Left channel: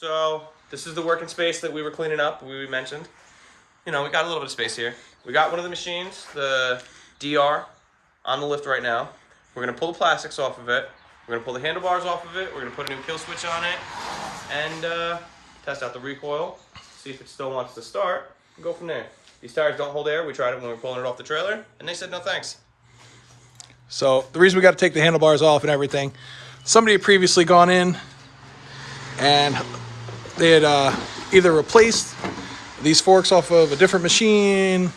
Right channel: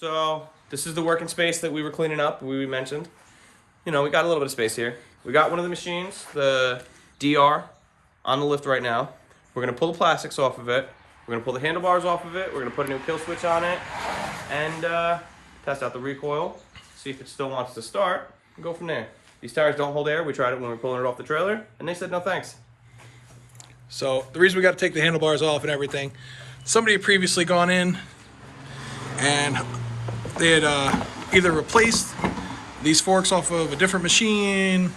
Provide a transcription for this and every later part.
So this is the working space that we were cleaning up. We mentioned, we got a little bit of space here. We got one of the machines, the DR, on the lift right now. We're gonna pull the plastics off of it. We're gonna pull the handlebars off of it. We're gonna put a new kill switch on it, and test out the recoil, see if it still wants to start, and go from there. These tires don't hold air. We tried it when we were pulling it off the trailer, and they said no thanks. So the reason we got to take the handlebars off and everything, somebody had previously gone in and they had either replaced these forks off of a different machine,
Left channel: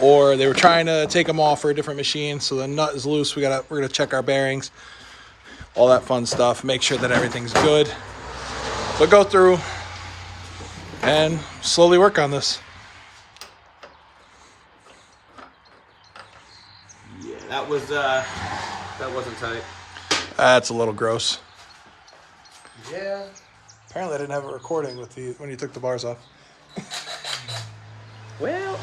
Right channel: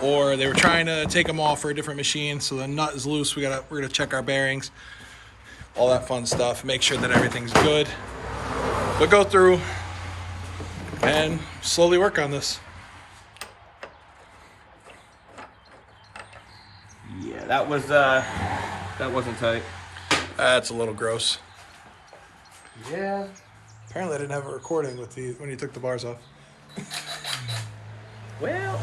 or they were trying to take them off for a different machine. So the nut is loose. We're gonna check our bearings, all that fun stuff, make sure that everything's good. But go through and slowly work on this. Yeah, that wasn't tight. That's a little gross. Yeah. Apparently I didn't have a recording with when you took the bars off. Well,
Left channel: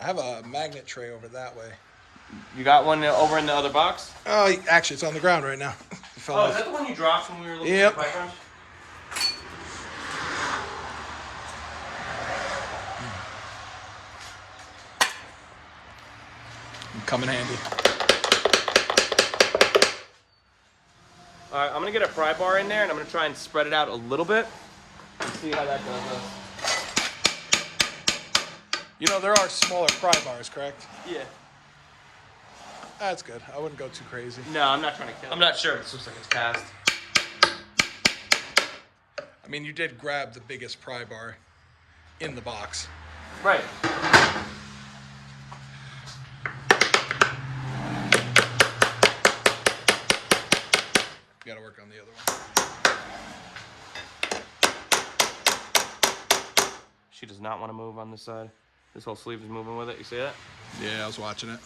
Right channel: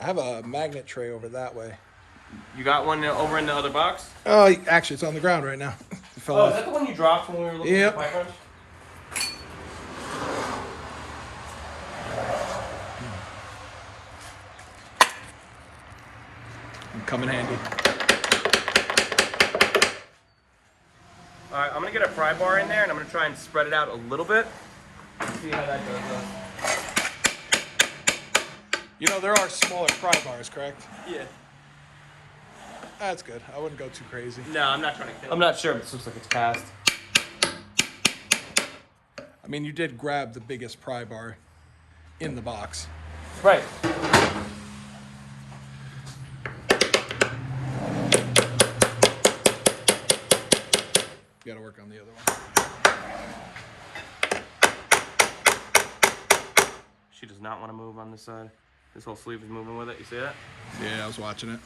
I have a magnet tray over that way. You got one over in the other box? Oh, actually, it's on the ground right now. It fell off. Is that the one you dropped when we were looking Yep. at the pipe wrench? Come in handy. All right, I'm gonna get a pry bar in there, and I'm gonna try and spread it out a little bit. See how that goes. There are smaller pry bars, correct? Yeah. That's good. I wouldn't go too crazy. No, I'm not trying to kill it. I'm not sure. It looks like it's passed. I mean, you did grab the biggest pry bar in the box. Right. You gotta work on the other one. She does not want to move on this side. This whole sleeve is moving with it. You see that? Yeah, I was watching it.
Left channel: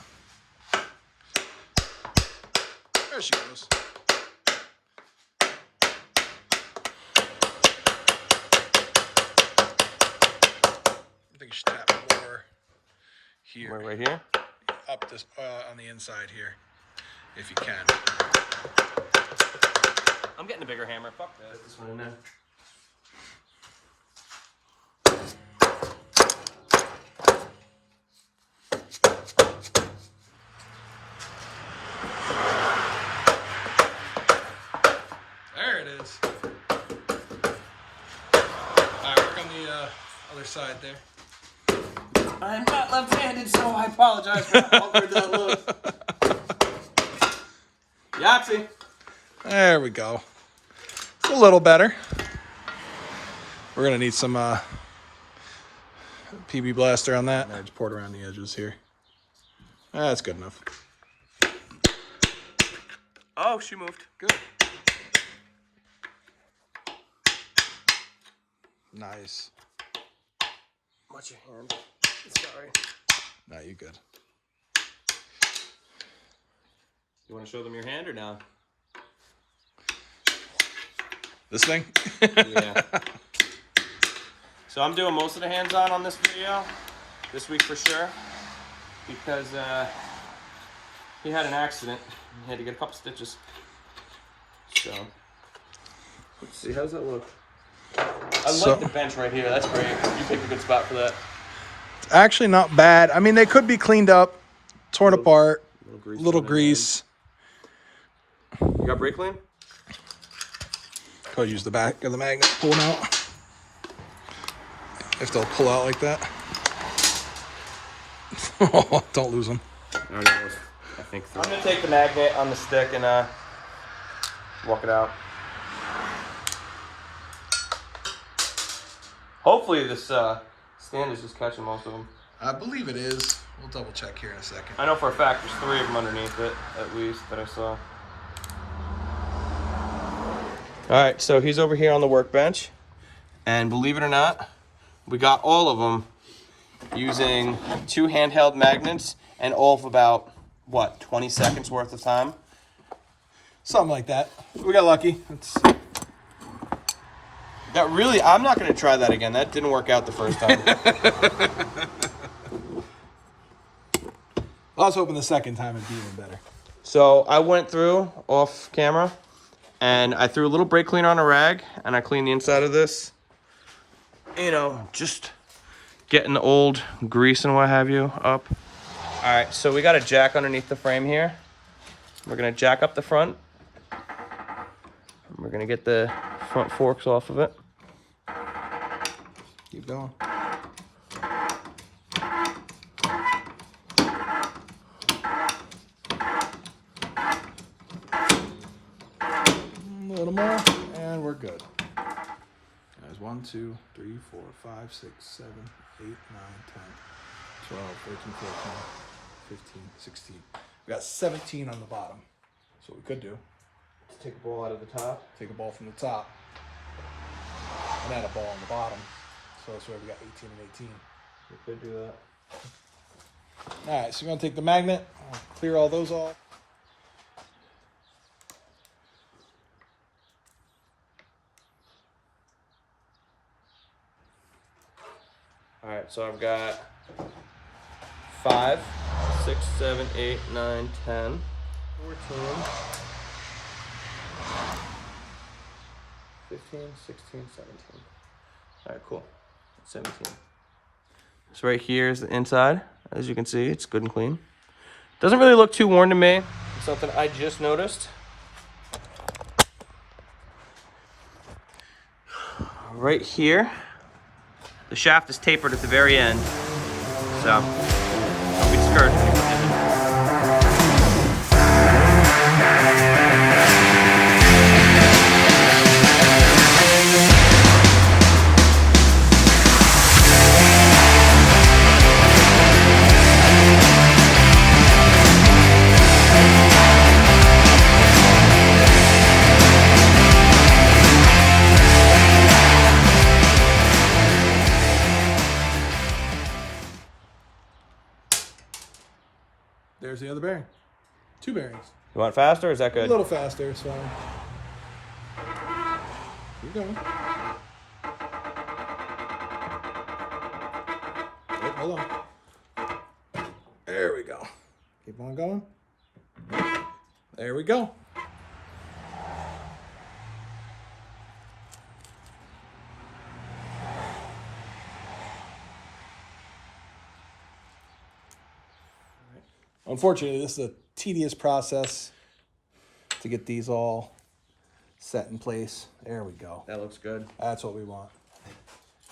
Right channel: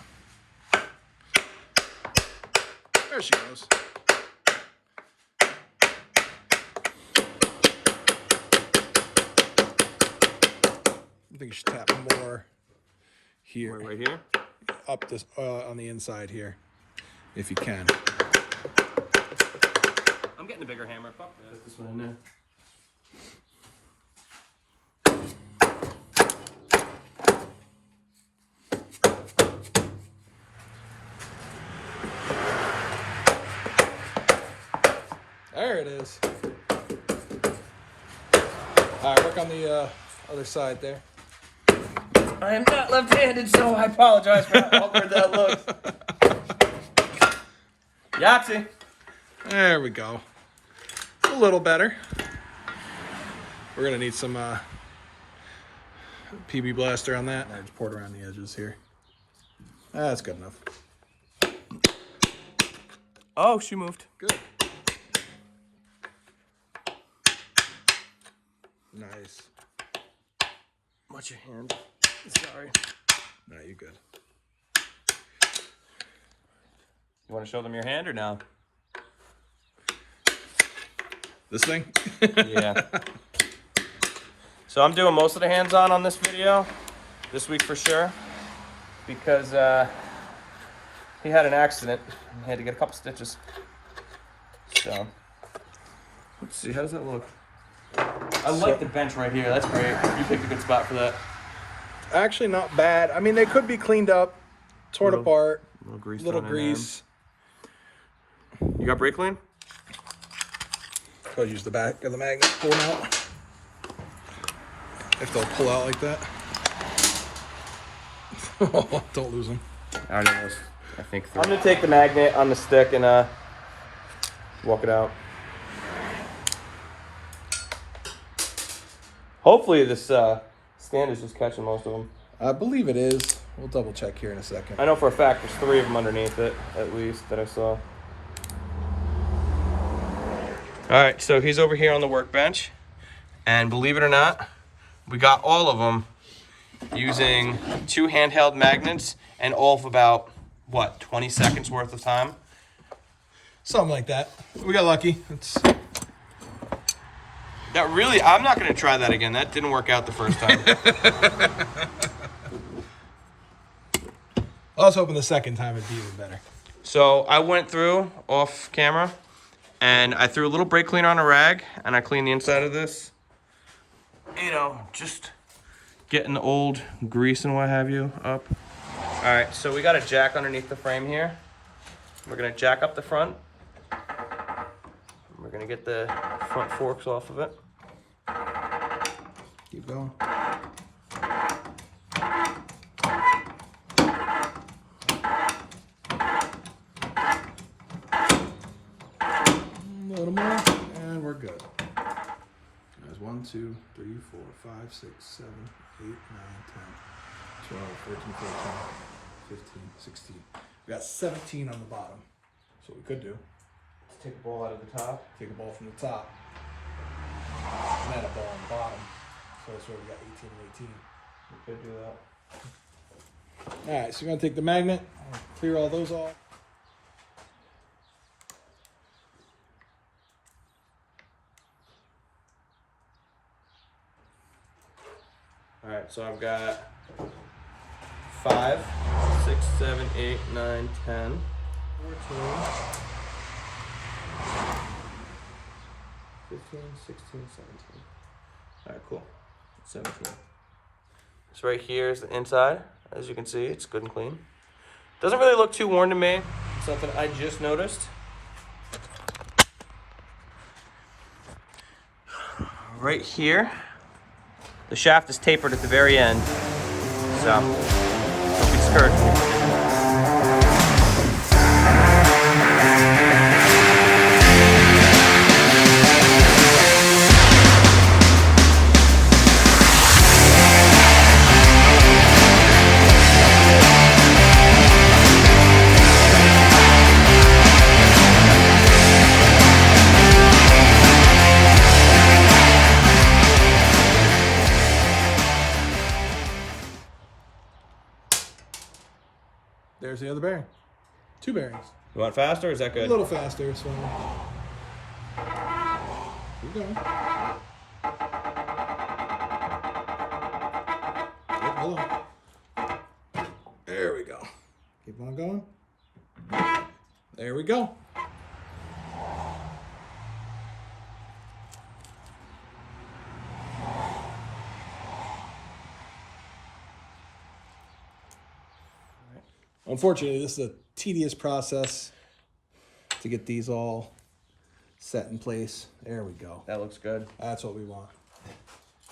There she goes. I think you should tap more here. Right here? Up this on the inside here, if you can. I'm getting a bigger hammer. Fuck that. Put this one in there. There it is. All right, work on the other side there. I am not left-handed, so I apologize for how awkward that looks. Yahtzee. There we go. It's a little better. We're gonna need some PB Blaster on that. I just poured around the edges here. That's good enough. Oh, she moved. Good. Nice. Watch your hand. Sorry. Nah, you good. You want to show them your hand or no? This thing? Yeah. So I'm doing most of the hands-on on this video this week for sure, because he had an accident and had to get a couple stitches. So let's see, how does that look? I like the bench right here. That's great. You picked a good spot for that. Actually, not bad. I mean, they could be cleaned up, torn apart, little on grease. them. You got brake clean? Could use the back of the magnet pulling out. If they'll pull out like that. Don't lose them. I already was. I think so. I'm gonna take the magnet on the stick and walk it out. Hopefully this stand is just catching most of them. I believe it is. We'll double check here in a second. I know for a fact there's 3 of them underneath it, at least, that I saw. Alright, so he's over here on the workbench. And believe it or not, we got all of them using 2 handheld magnets and all of about, what, 20 seconds worth of time? Something like that. We got lucky. That really, I'm not going to try that again. That didn't work out the first time. I was hoping the second time would be even better. So I went through off camera and I threw a little brake cleaner on a rag and I cleaned the inside of this. You know, just getting the old grease and what have you up. All right, so we got a jack underneath the frame here. We're gonna jack up the front. We're gonna get the front forks off of it. Keep going. A little more, and we're good. There's 1, 2, 3, 4, 5, 6, 7, 8, 9, 10, 12, 13, 14, 15, 16. We got 17 on the bottom. So what we could do, Let's take a ball out of the top. take a ball from the top, and then a ball on the bottom. So that's where we got 18 and 18. We could do that. All right, so we're gonna take the magnet, clear all those off. All right, so I've got 5, 6, 7, 8, 9, 10, 14, 15, 16, 17. All right, cool. 17. So right here is the inside. As you can see, it's good and clean. Doesn't really look too worn to me. It's something I just noticed. Right here, the shaft is tapered at the very end. So, don't be discouraged when you put it in. There's the other bearing. 2 bearings. You want it faster or is that A good? little faster, it's fine. Keep going. Yep, hold on. There we go. Keep on going. There we go. Unfortunately, this is a tedious process to get these all set in place. There we go. That looks good. That's what we want.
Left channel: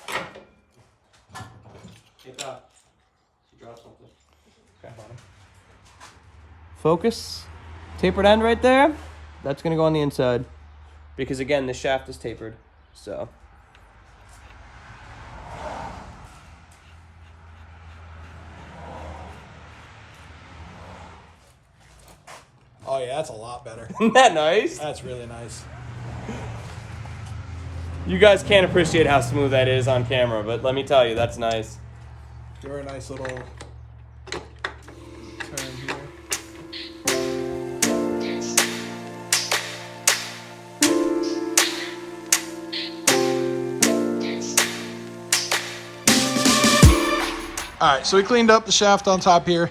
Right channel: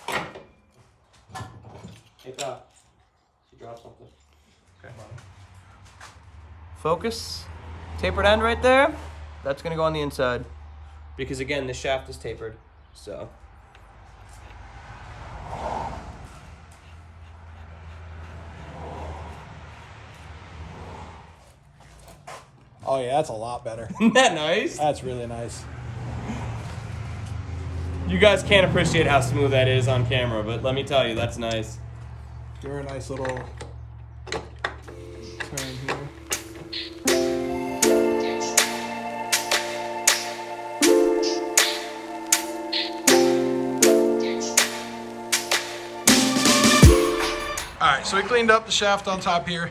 Hey, Pop. You dropped something. Okay. Focus. Tapered end right there. That's going to go on the inside. Because, again, the shaft is tapered. So. Oh yeah, that's a lot better. Isn't that nice? That's really nice. You guys can't appreciate how smooth that is on camera, but let me tell you, that's nice. Give her a nice little turn here. All right, so we cleaned up the shaft on top here.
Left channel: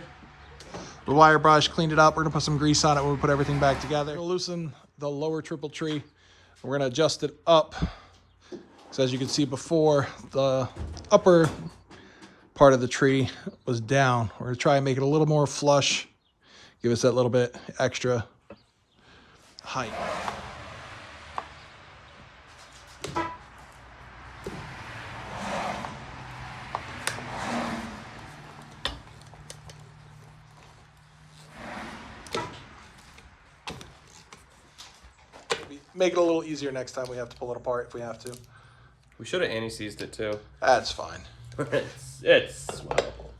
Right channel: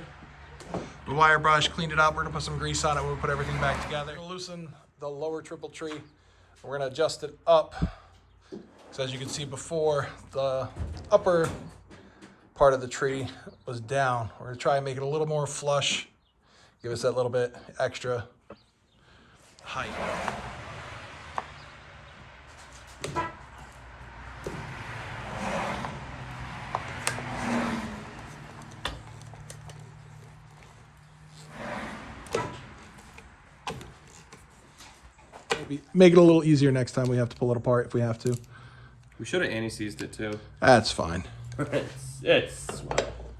The wire brush, cleaned it up. We're gonna put some grease on it when we put everything back together. We'll loosen the lower triple tree. We're gonna adjust it up. So as you can see before, the upper part of the tree was down. We're gonna try and make it a little more flush. Give us that little bit extra height. Make it a little easier next time we have to pull it apart if we have to. We should have anti-seized it too. That's fine. it's swell.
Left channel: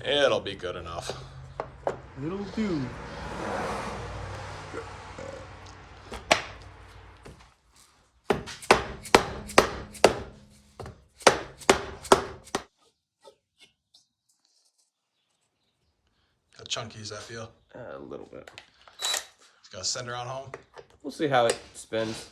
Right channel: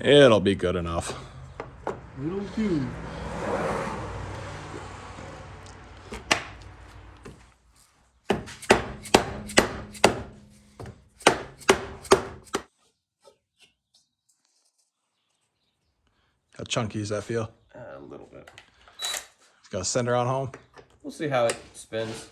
It'll be good enough. It'll do. How chunky does that feel? A little bit. It's gonna send her on home. We'll see how it spins.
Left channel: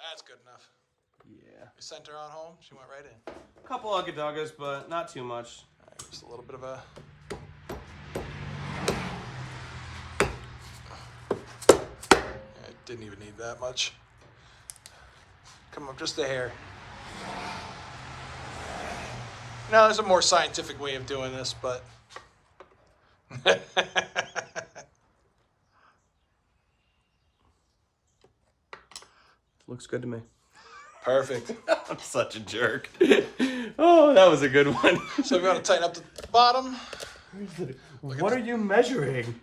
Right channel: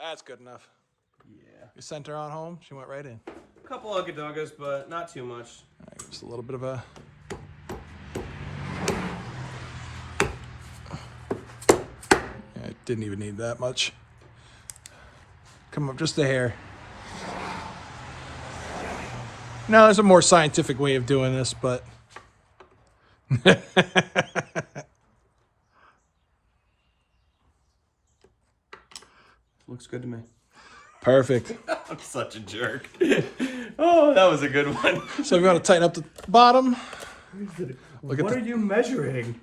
That's good enough. Yeah. You sent her on home. She went right in. A couple ugga-duggas, but not too much. Just a little bit of a... It didn't even need that much. Come up just a hair. No, there's a more scientific way of doing this, but... Looks good to me. Perfect. I'm such a jerk. Oh, that was a good one. So we got to tighten up the bottom. What are you measuring?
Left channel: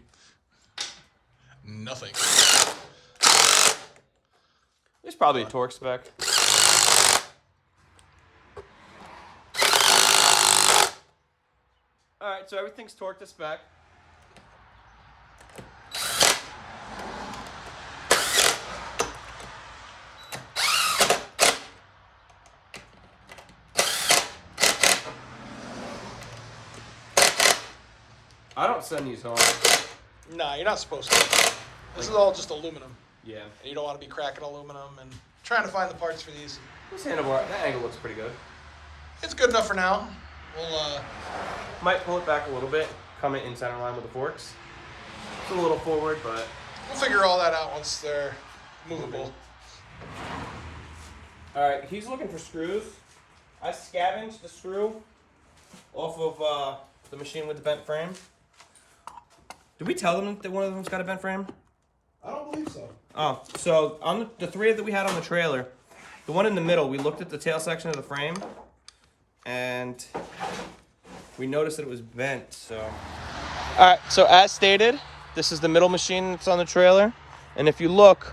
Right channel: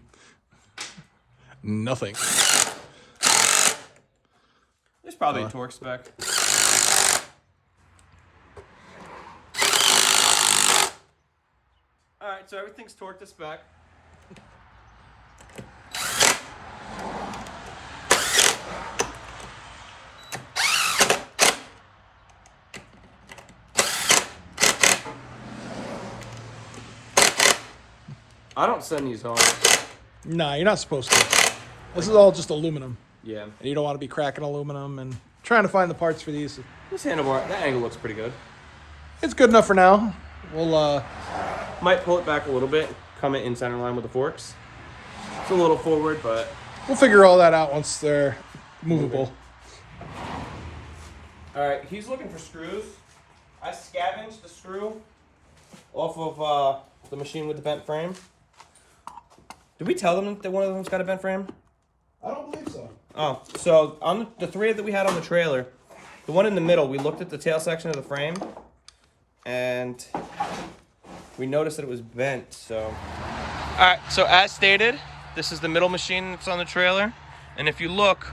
Nothing. There's probably a torque spec. Alright, so everything's torqued to spec. I don't send these home. No, you're not supposed to. This is all just aluminum. Yeah. And you don't want to be cracking aluminum and trying to find the parts for these. This handlebar, that angle looks pretty good. It's good enough for now. We'll Might pull it back a little bit, come in center line with the forks. It's a little forward, but we'll figure all that out once they're movable. Alright, he's looking for screws. I scavenged the screw off of the machine with the bent frame. Did we tell them that one of them's got a bent frame? I don't believe so. Oh, so on the three that we had on the trailer, the one in the middle, we looked at the tail section of the frame, and we noticed that it was bent, so. Alright, so as stated, this is the middle machine that's on the trailer, and if you look,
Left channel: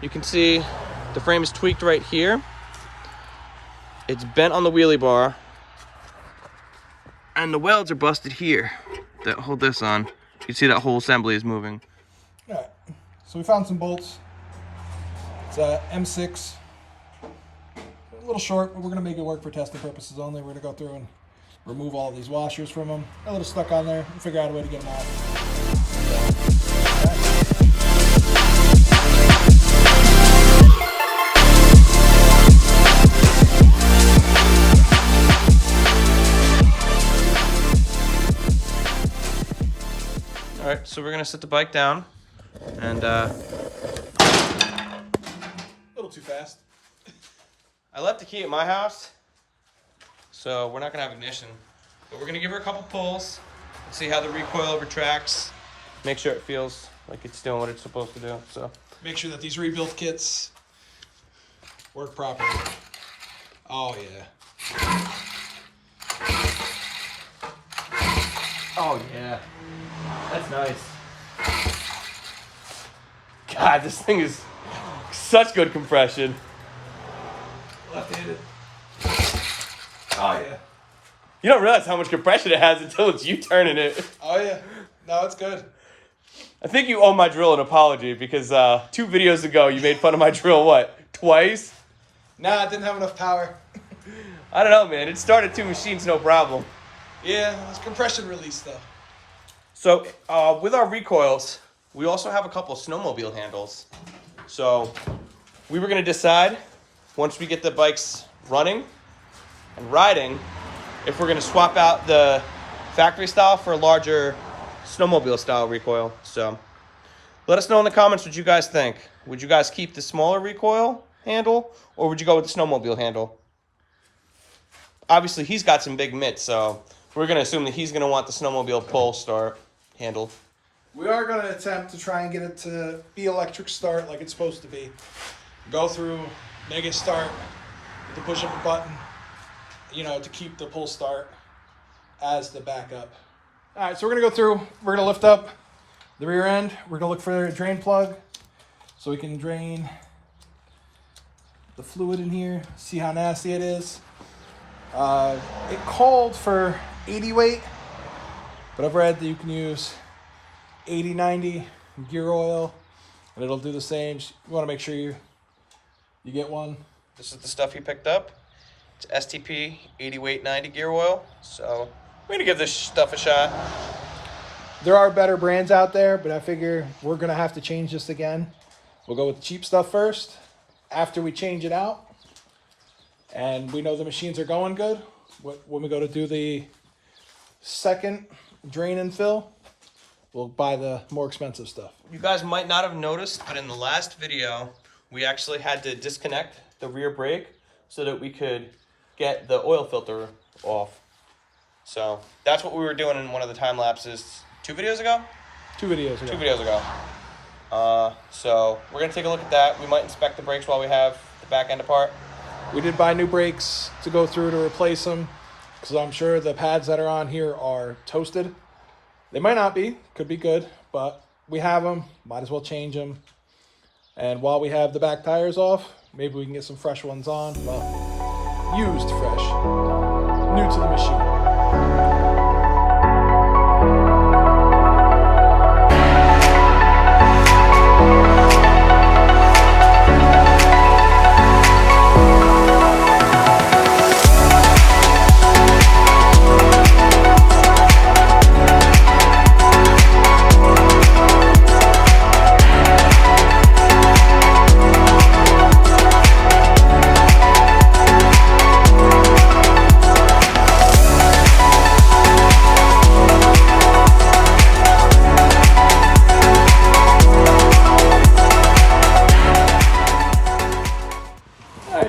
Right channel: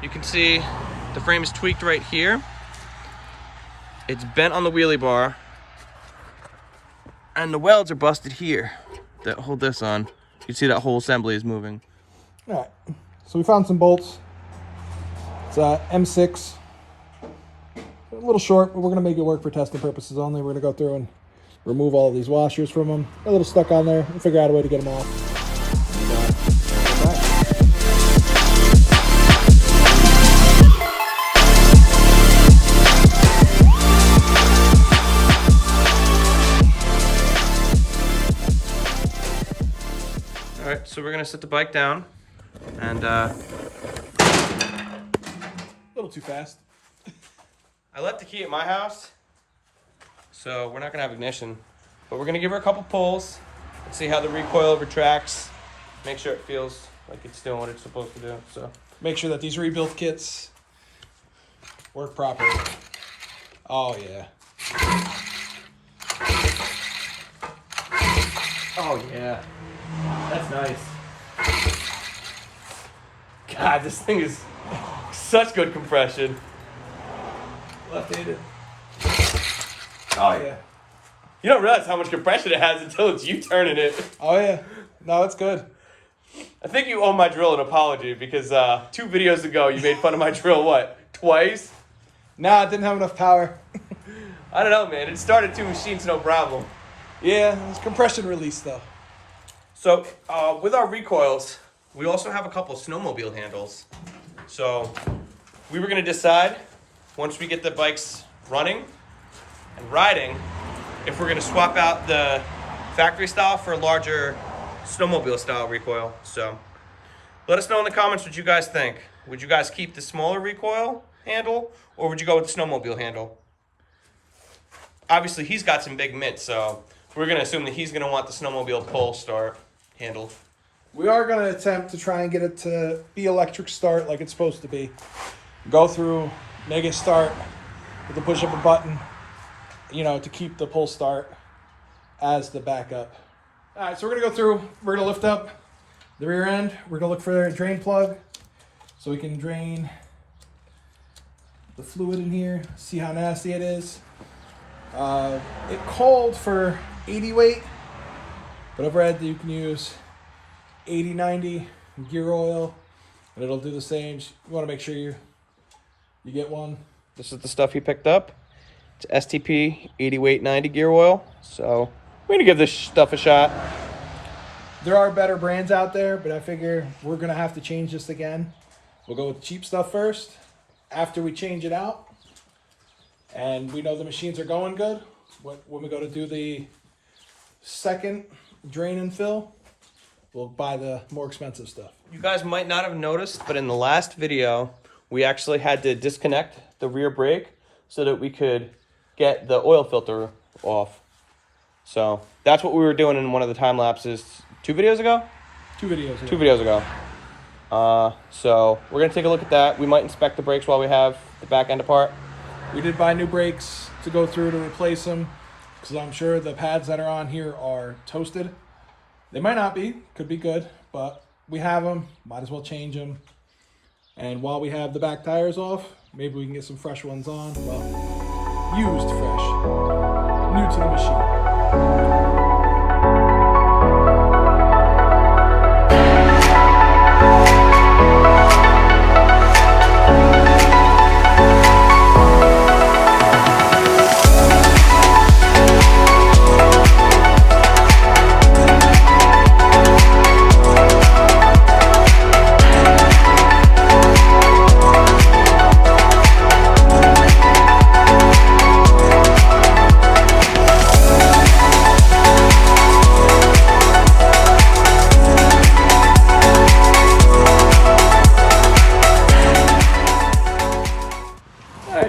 you can see the frame is tweaked right here. It's bent on the wheelie bar, and the welds are busted here that hold this on. You can see that whole assembly is moving. All right, so we found some bolts. It's a M6. A little short, but we're gonna make it work for testing purposes only. We're gonna go through and remove all of these washers from them. A little stuck on there. We'll figure out a way to get them out. Alright, so we're gonna set the bike down and A little too fast. I left the key at my house, so we're not gonna have ignition, but we're gonna give her a couple pulls and see how the recoil retracts, make sure it feels like it's doing what it's supposed to do. So Make sure that these rebuild kits work properly. Oh yeah. oh yeah, that's nice. God, this thing is such good compression. Left-handed. Oh yeah. You don't realize how much compression it has until it's you turning it. Oh yeah. No, it's good. I think you owe my drill an apology because 2 videos ago you made fun of my drill, what, twice? Nah, it didn't have enough power. I don't know, man. It started 2 machines, no problem. Yeah, it's compression release though. So, with our recoils, we also have a couple of snowmobile handles. So, we were going to decide, once we get the bikes running and riding, if we're going to swap out the factory style for a larger snowmobile style recoil. So, let us know in the comments what you guys think. Would you guys keep the smaller recoil handle, or would you go with the snowmobile handle? Obviously, he's got some big mitts, so we're going to assume that he's going to want the snowmobile pull start handle. We are going to attempt to try and get it to be electric start like it's supposed to be. Go through negative start with the push of a button, you know, to keep the pull start as the backup. All right, so we're going to go through, we're going to lift up the rear end. We're going to look for a drain plug so we can drain the fluid in here, see how nasty it is. It called for 80 weight, but I've read that you can use 80, 90 gear oil, and it'll do the same. You want to make sure you get one. This is the stuff he picked up. It's STP 80 weight 90 gear oil. So we're going to give this stuff a shot. There are better brands out there, but I figure we're going to have to change this again. We'll go with the cheap stuff first. After we change it out, and we know the machines are going good. When we go to do the second drain and fill, we'll buy the more expensive stuff. You guys might not have noticed, but in the last video, we actually had to disconnect the rear brake so that we could get the oil filter off. So that's what we were doing in one of the time lapses 2 videos ago? 2 videos. Yeah. 2 videos ago. So we're gonna take a look at that. We might inspect the brakes while we have the back end apart. We did buy new brakes to go through to replace them, because I'm sure the pads that are on here are toasted. They might not be, could be good, but we have them, might as well change them. And while we have the back tires off, maybe we can get some fresh ones on. Well, used fresh, new to the machine.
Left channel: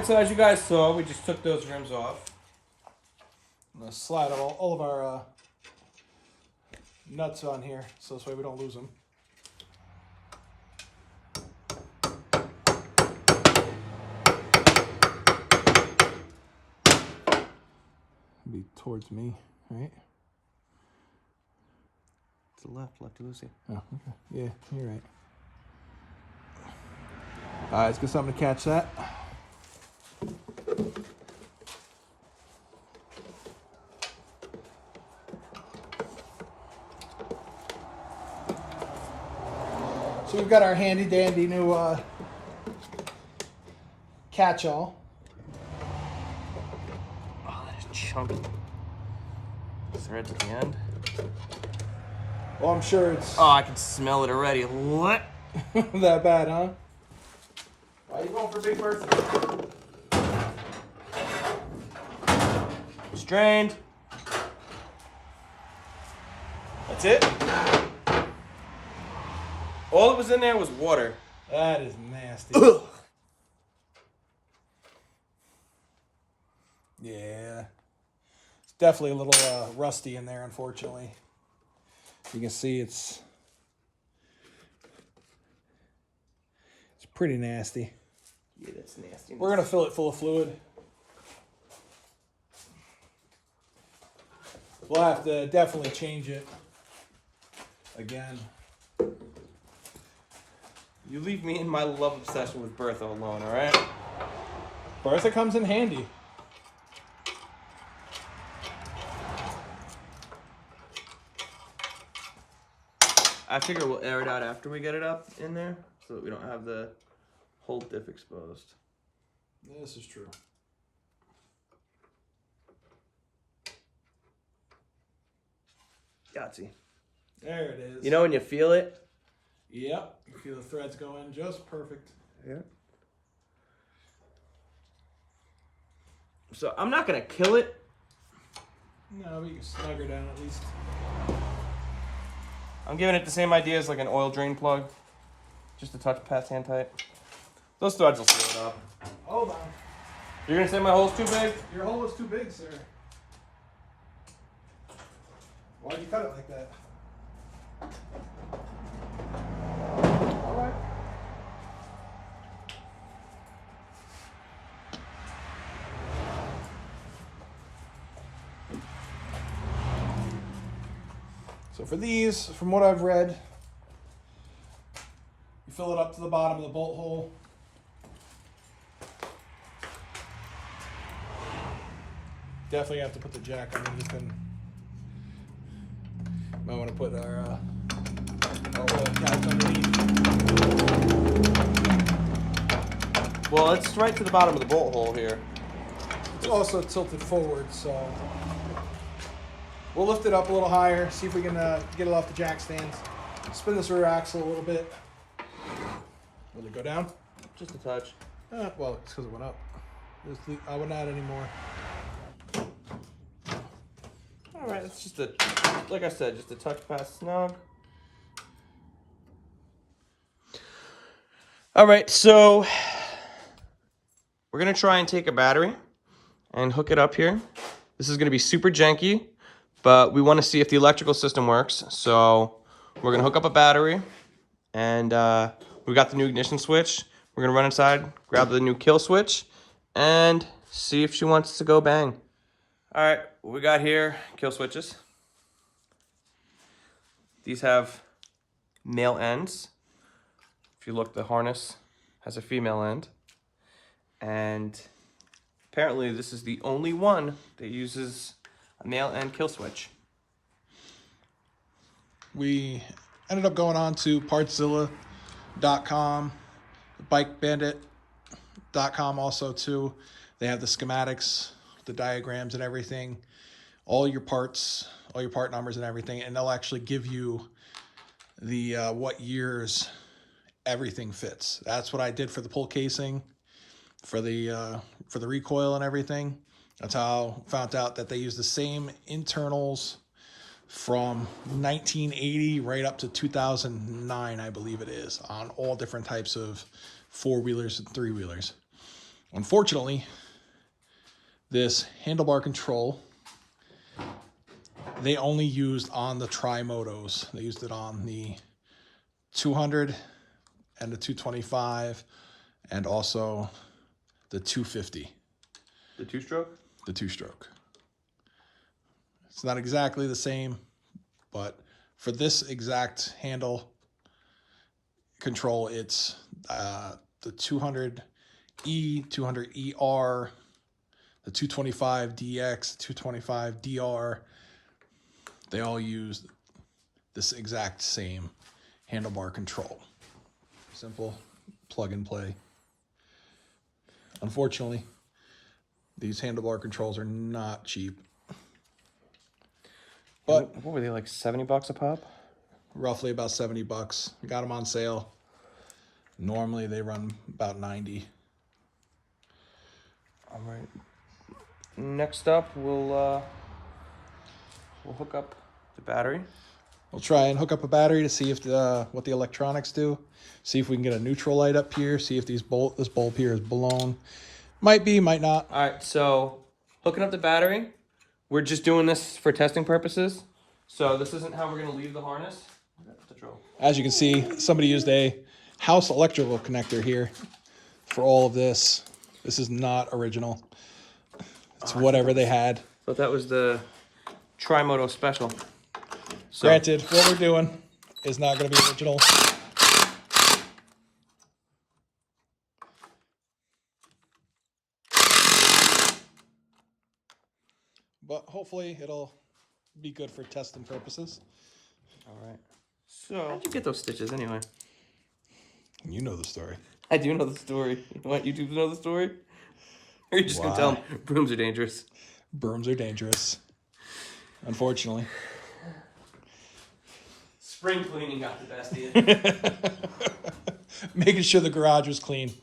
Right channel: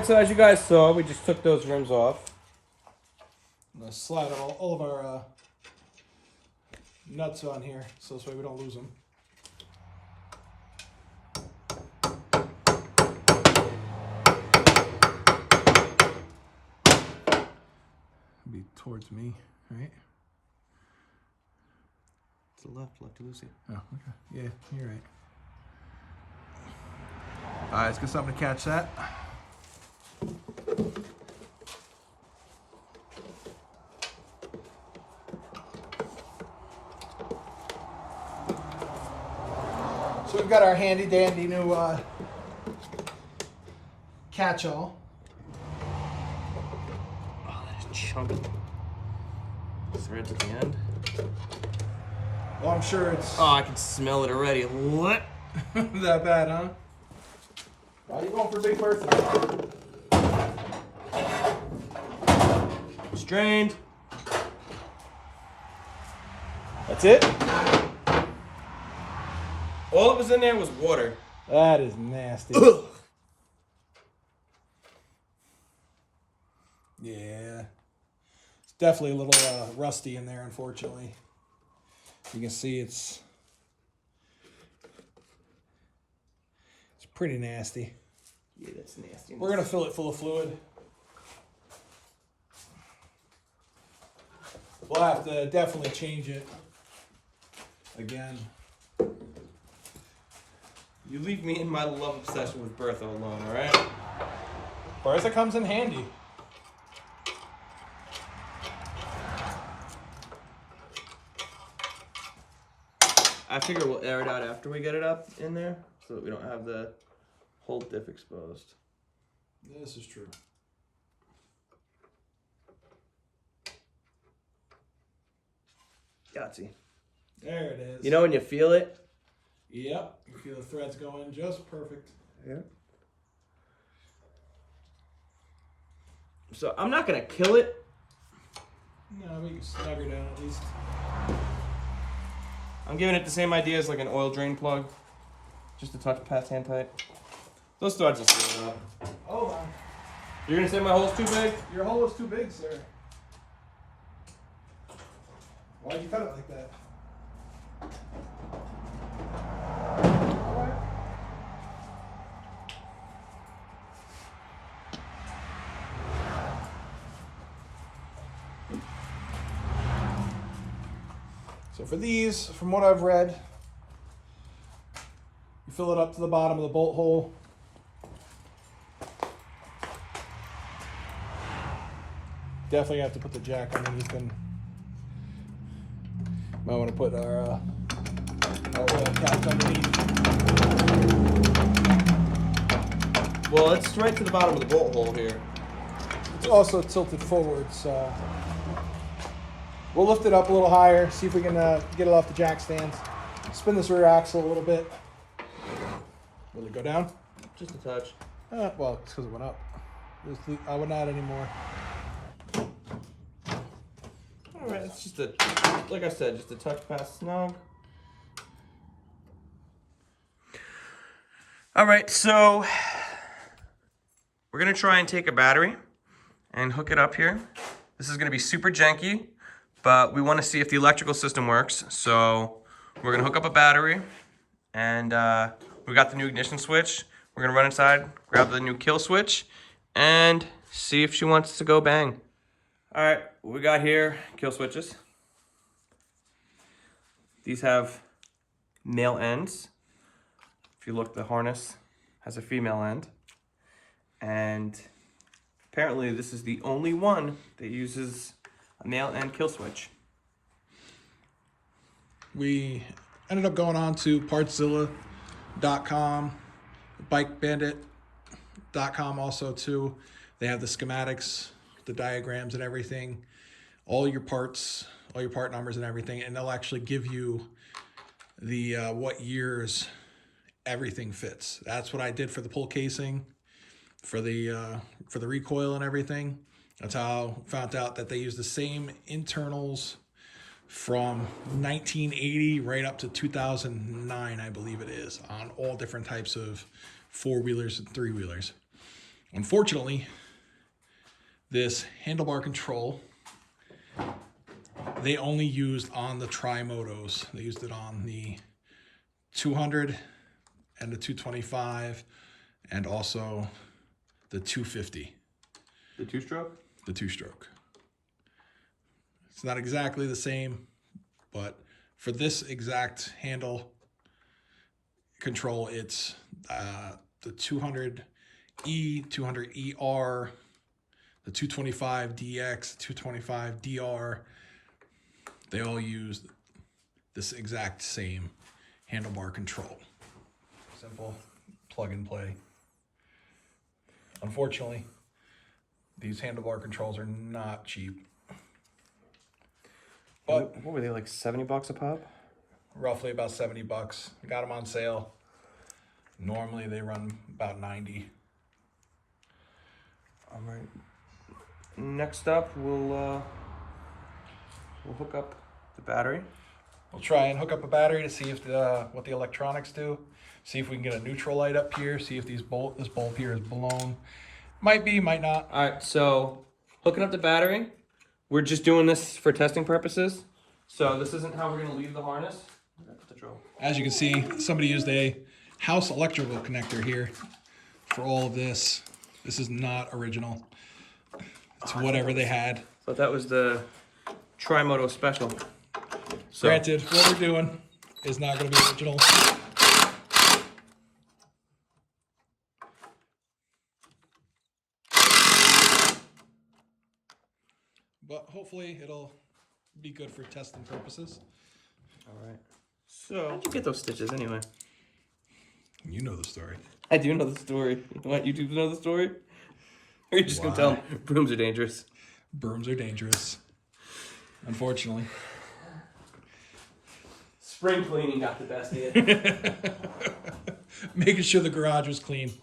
So as you guys saw, we just took those rims off. I'm gonna slide all of our nuts on here, so this way we don't lose them. Be towards me, right? To the left, lefty loosey. Oh, okay. Yeah, you're right. All right, let's get something to catch that. So we've got our handy dandy new catch-all. Oh, that is chunky. Threads at the end. Well, I'm sure it's Oh, I can smell it already. What? that bad, huh? Why are you going for big birthday? Strained. That's it. All that was in there was water. That is nasty. Yeah. It's definitely a little rusty in there, unfortunately. You can see it's pretty nasty. Yeah, that's nasty. We're going to fill it full of fluid. We'll have to definitely change it again. You leave me in my love obsession with Bertha alone, alright? Bertha comes in handy. I figure we'll air it out after we get it up in there so that we don't have the whole diff exposed. This is true. Yahtzee. There it is. You know when you feel it? Yep. You feel the threads going just perfect. Yeah. So I'm not gonna kill it. No, but you can snug her down at least. I'm giving it the same idea as like an oil drain plug. Just a touch past hand tight. Those threads will seal it up. Hold on. You're gonna say my hole's too big? Your hole is too big, sir. Why'd you cut it like that? Alright. So for these, from what I've read, you fill it up to the bottom of the bolt hole. Definitely have to put the jack underneath them. Might want to put our oil caps underneath. Well, it's right to the bottom of the bolt hole here. It's also tilted forward, so we'll lift it up a little higher, see if we can get it off the jack stands. Spin this rear axle a little bit. Will it go down? Just a touch. Well, it's because it went up. I wouldn't add any more. All right, it's just a, like I said, just a touch past snug. All right, so we're gonna try and take a battery and hook it up here. This is gonna be super janky, but we wanna see if the electrical system works. So we're gonna hook up a battery, and we got the new ignition switch. We're gonna run inside, grab the new kill switch, and see if she wants to go bang. All right, what we got here, kill switches. These have male ends. If you look, the harness has a female end. And apparently this is the only one that uses a male end kill switch. We ended up going on to partszilla.com, bikebandit.com also too. They have the schematics, the diagrams and everything, all your parts, all your part numbers and everything, and they'll actually give you the what years everything fits. That's what I did for the pull casing, for the recoil and everything. That's how I found out that they use the same internals from 1980 right up to 2009, I believe it is, on all different types of four-wheelers and three-wheelers. Unfortunately, this handlebar control, they only used on the Tri-Motos. They used it on the 200 and the 225 and also the 250. The two-stroke? The two-stroke. It's not exactly the same, but for this exact handle control, it's the 200E, 200ER, the 225DX, 225DR. They all use this exact same handlebar control. Simple plug and play. Unfortunately, these handlebar controls are not cheap. But what were they, like $70 a pop? Roughly about $70. We got them on sale. Normally they run about 90. All right. Next up, we'll hook up the battery. We'll try and hook up a battery to see if what the electronics do. See if we can get a neutral light up here. See if this bulb here is blown. Might be, might not. All right, so hooking up the battery. We're just doing this for testing purposes. So this isn't how we're gonna leave the harness. As you can see, somebody used a house electrical connector here for all of this. This is not original. It's whatever they had. But that was the Tri-Moto special. So, granted, what we're doing is not gonna be original. But hopefully it'll be good for testing purposes. All right. So, how'd you get those stitches anyway? You know the story. I do know the story. What, you do know the story? Or are you just gonna tell them brooms are dangerous? Brooms are dangerous. Unfortunately. Spring cleaning got the best of you. Making sure the garage was clean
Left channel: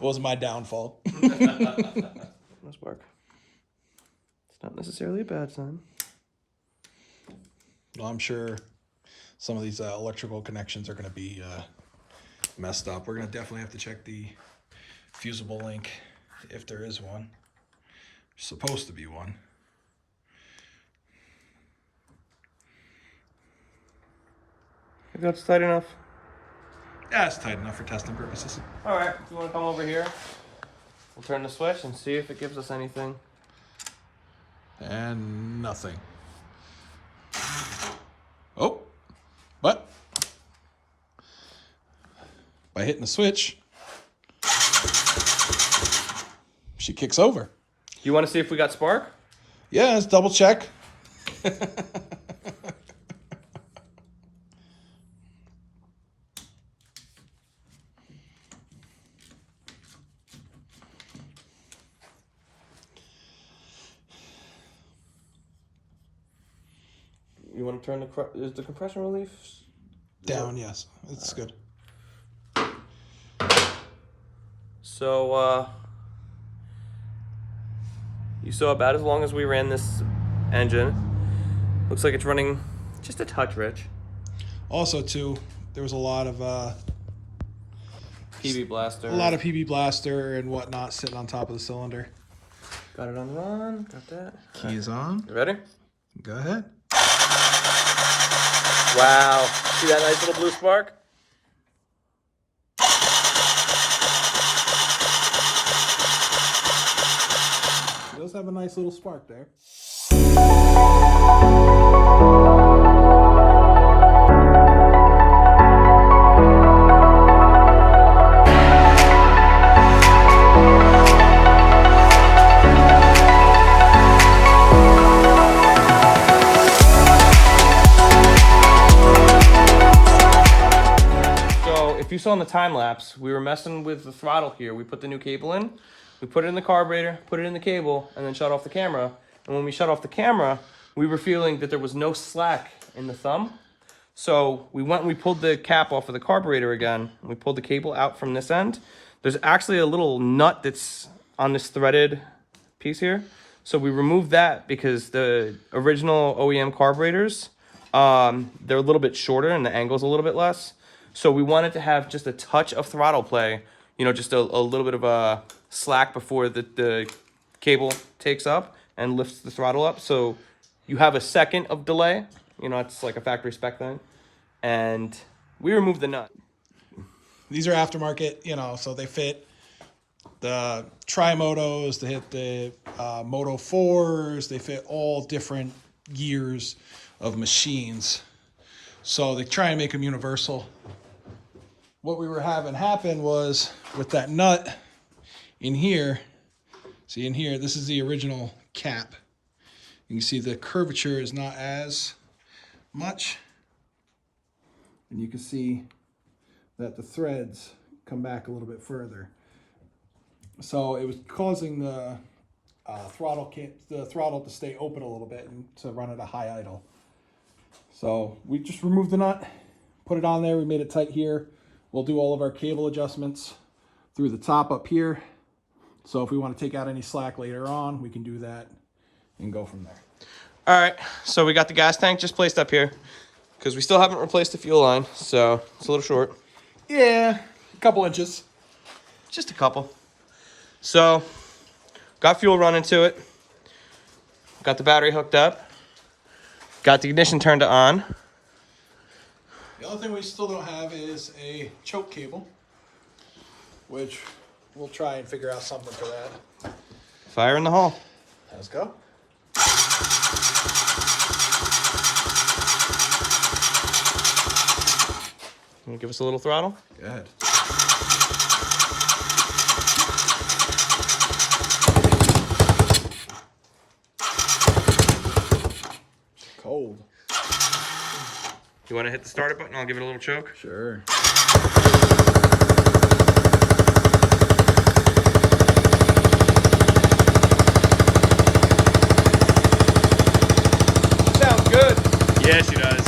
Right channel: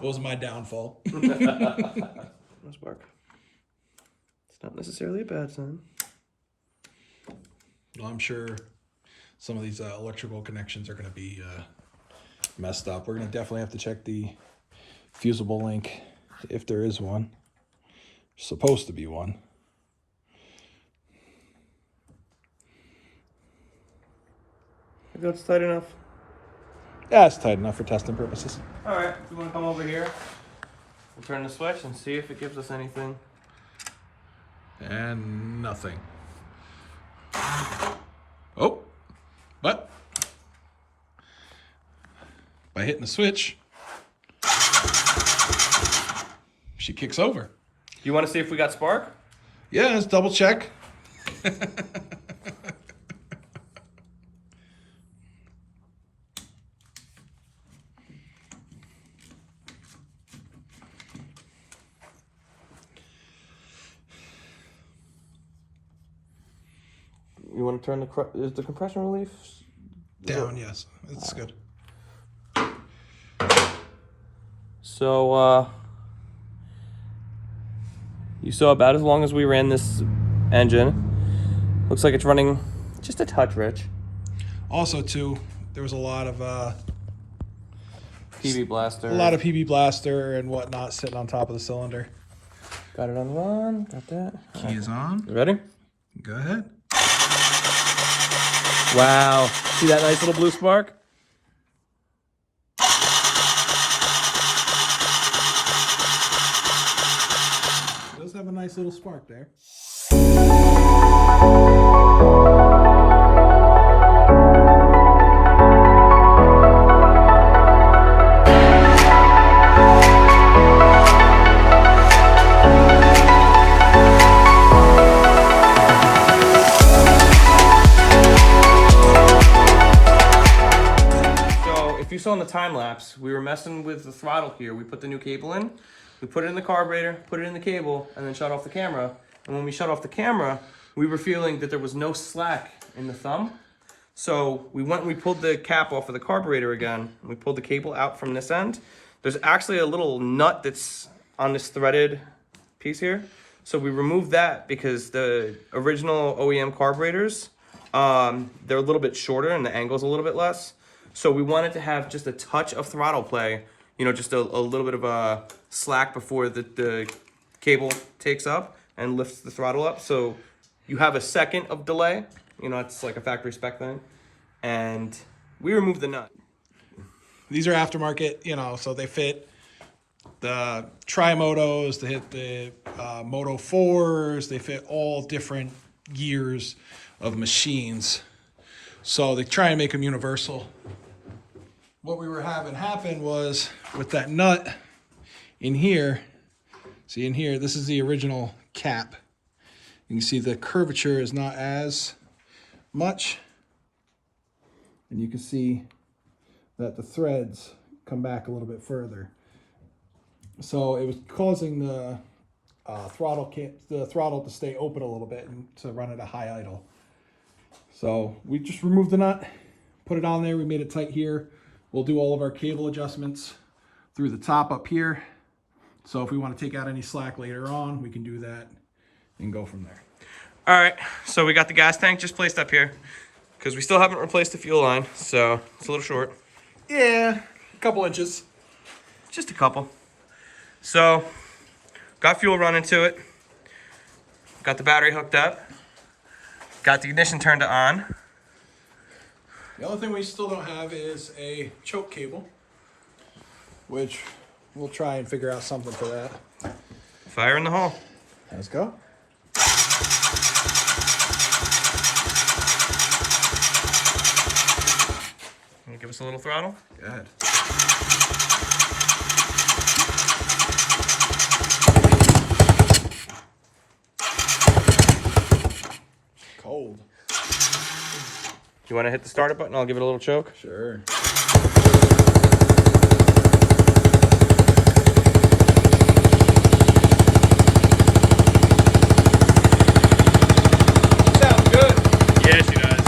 was my downfall. Must work. It's not necessarily a bad sign. Well, I'm sure some of these electrical connections are going to be messed up. We're going to definitely have to check the fusible link if there is one. Supposed to be one. I think that's tight enough. Yeah, it's tight enough for testing purposes. All right, if you want to come over here, we'll turn the switch and see if it gives us anything. And nothing. Oh, but by hitting the switch, she kicks over. You want to see if we got spark? Yeah, let's double check. You want to turn is the compression relief Down, yes. It's good. So, You saw about as long as we ran this engine. Looks like it's running just a touch rich. Also, too, there was a lot of PB blaster. PB blaster and whatnot sitting on top of the cylinder. Got it on the run. Got that. Key is on. You ready? Go ahead. Wow. See that nice little blue spark? It does have a nice little spark there. You saw in the time lapse, we were messing with the throttle here. We put the new cable in, we put it in the carburetor, put it in the cable, and then shut off the camera. And when we shut off the camera, we were feeling that there was no slack in the thumb. So we went and we pulled the cap off of the carburetor again. We pulled the cable out from this end. There's actually a little nut that's on this threaded piece here. So we removed that because the original OEM carburetors, they're a little bit shorter and the angle's a little bit less. So we wanted to have just a touch of throttle play, you know, just a little bit of a slack before the cable takes up and lifts the throttle up. So you have a second of delay, you know, it's like a factory spec thing. And we removed the nut. These are aftermarket, you know, so they fit the Tri-Motos, they hit the Moto 4s, they fit all different years of machines. So they try and make them universal. What we were having happen was with that nut in here, see in here, this is the original cap. You can see the curvature is not as much. And you can see that the threads come back a little bit further. So it was causing the throttle to stay open a little bit and to run at a high idle. So we just removed the nut, put it on there, we made it tight here. We'll do all of our cable adjustments through the top up here. So if we want to take out any slack later on, we can do that and go from there. All right, so we got the gas tank just placed up here because we still haven't replaced the fuel line, so it's a little short. Yeah, a couple inches. Just a couple. So, got fuel running to it. Got the battery hooked up. Got the ignition turned on. The only thing we still don't have is a choke cable, which we'll try and figure out something for that. Fire in the hole. Let's go. Can you give us a little throttle? Go ahead. Cold. You want to hit the starter button? I'll give it a little choke. Sure. Sounds good. Yes, he does.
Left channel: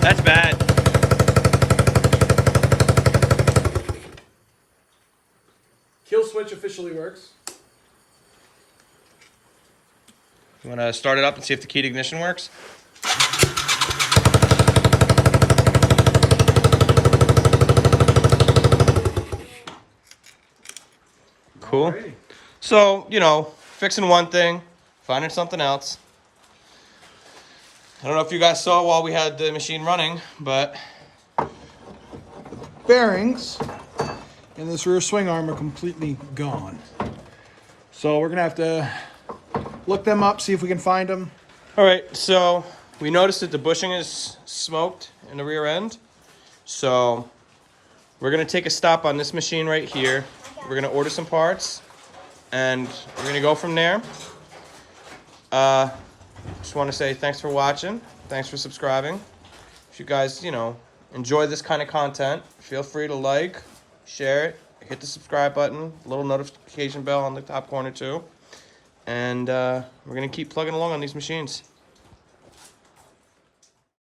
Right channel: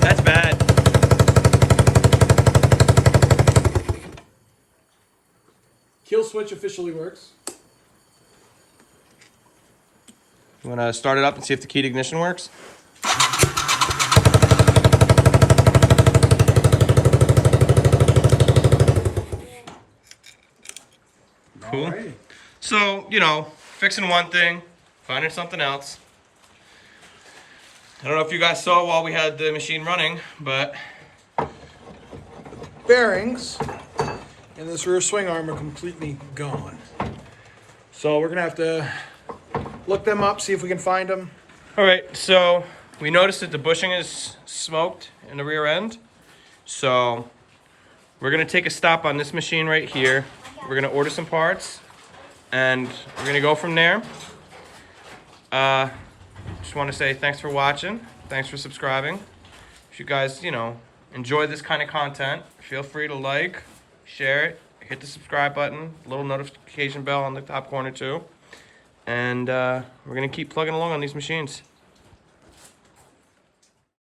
That's bad. Kill switch officially works. You want to start it up and see if the keyed ignition works? Cool. Alrighty. So, you know, fixing one thing, finding something else. I don't know if you guys saw while we had the machine running, but bearings in this rear swing arm are completely gone. So we're gonna have to look them up, see if we can find them. all right, so we noticed that the bushing is smoked in the rear end. So we're gonna take a stop on this machine right here. We're gonna order some parts and we're gonna go from there. Just want to say thanks for watching. Thanks for subscribing. If you guys, enjoy this kind of content, feel free to like, share it, hit the subscribe button, little notification bell on the top corner too. And we're going to keep plugging along on these machines.